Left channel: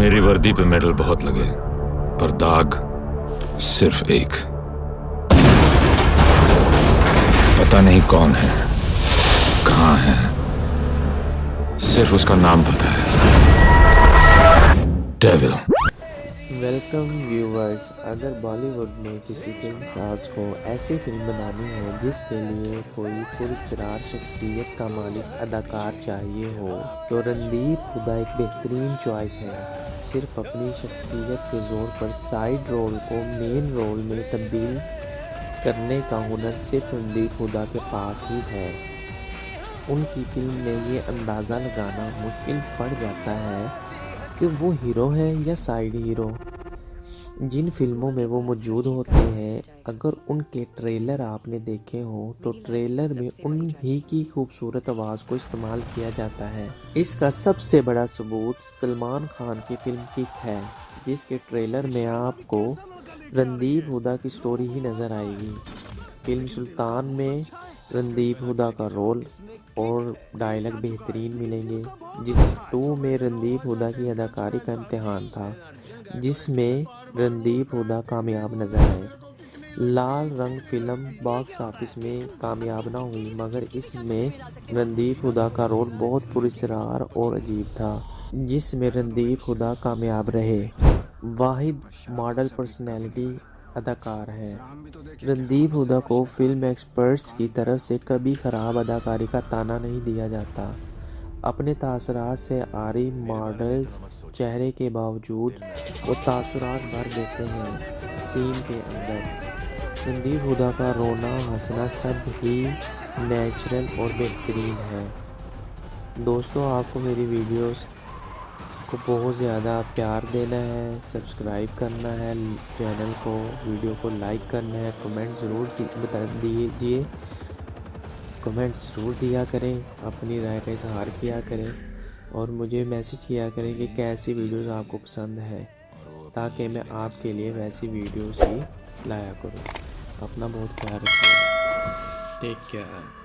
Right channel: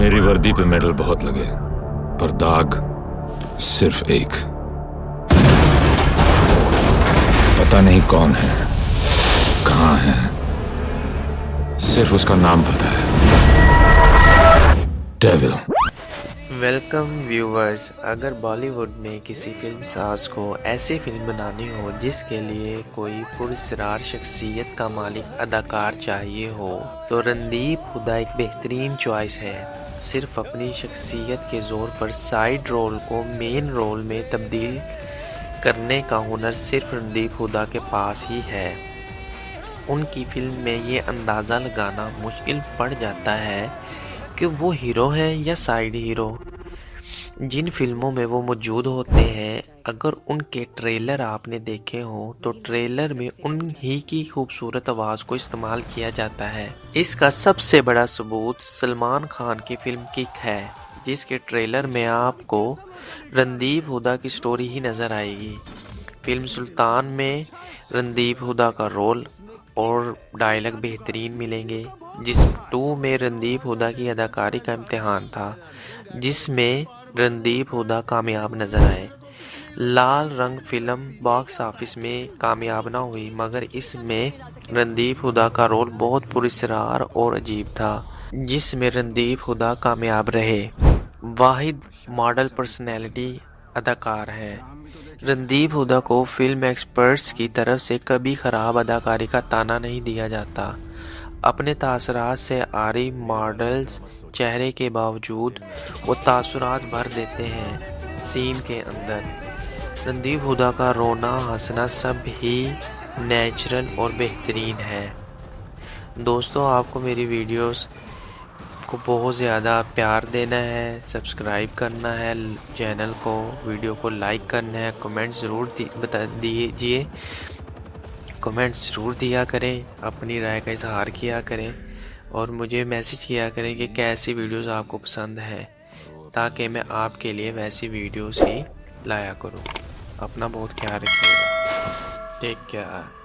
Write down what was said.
मेरी वर्दी पे मेडल बहुत लगे, पर दाग सिर्फ एक। पता नहीं कौन है, कहां है, सिर्फ उसका नाम पता है, डेविल। Welcome viewers. अगर बॉलीवुड में किसी फिल्म साज को ऐसी फिल्म बनानी हो जिसके लिए कोई पुरस्कार शख्सियत का मालिक अदाकार चाहिए हो तो रणदीप हुड्डा एक बेहतरीन चॉइस है। सिर्फ अपनी शख्सियत के ज़ोर पर साइड रोल को मेन रोल में तब्दील करने का हुनर सिर्फ रणदीप हुड्डा के पास ही है। उनकी फिल्म में ये अंदाज़ा लगाना मुश्किल पड़ जाता है कि वो हीरो हैं या साइड हीरो। जिन फिल्मों में वो मौजूद होते हैं, अगर उनके ट्रेलर आपने देखे हो तो ट्रेलर में उन्हीं की खूबसूरत आवाज़ को इस्तेमाल किया जाता है। इसका सबसे बड़ा सबूत सलमान खान की फिल्म किक है, जिसके ट्रेलर में आपको रणदीप हुड्डा की स्टोरी ही नज़र आएगी। फिल्म सुल्तान में रणदीप हुड्डा का रोल और डायलॉग बेहतरीन मिलेंगे। जिस 2 में रणदीप हुड्डा की अदाकारी का इम्तिहान था, जिसमें रणदीप हुड्डा कामयाब नजर आए। लाल रंग फिल्म बॉक्स ऑफिस में कामयाब ना हुई, मगर इसमें रणदीप हुड्डा का रोल बहुत पुरस्कार और अजीब था, जिसमें रणदीप हुड्डा कामयाब रहे। वाहिद मॉडल पर्सनैलिटी अदाकार है। रणदीप हुड्डा को फिल्म एक्सपर्ट्स की तरफ से कभी खराब अदाकारी का ताना नहीं दिया जाता। अपने तासरात से आरी मॉडल्स चेहरे के बावजूद वो तासुरात भर देते हैं सीन के अंदर। रणदीप हुड्डा का रोना हंसना सब ही नेचुरल और बेहतरीन है। दोस्तों, आपको मेरी वीडियोस को बहुत ज़्यादा प्यार देना है, सब्सक्राइब करना है चैनल को, वीडियो को लाइक करना है, कमेंट ज़रूर बता दीजिए, कमेंट ज़रूर दिया करें, अपनी राय का इजहार किया करें और मुझे मैसेज किया करें कि कैसी वीडियोस आपको पसंद है, ताकि मैं आपके लिए वैसी वीडियोस ही लाया करूं। अपना बहुत ख्याल रखिएगा। Take care.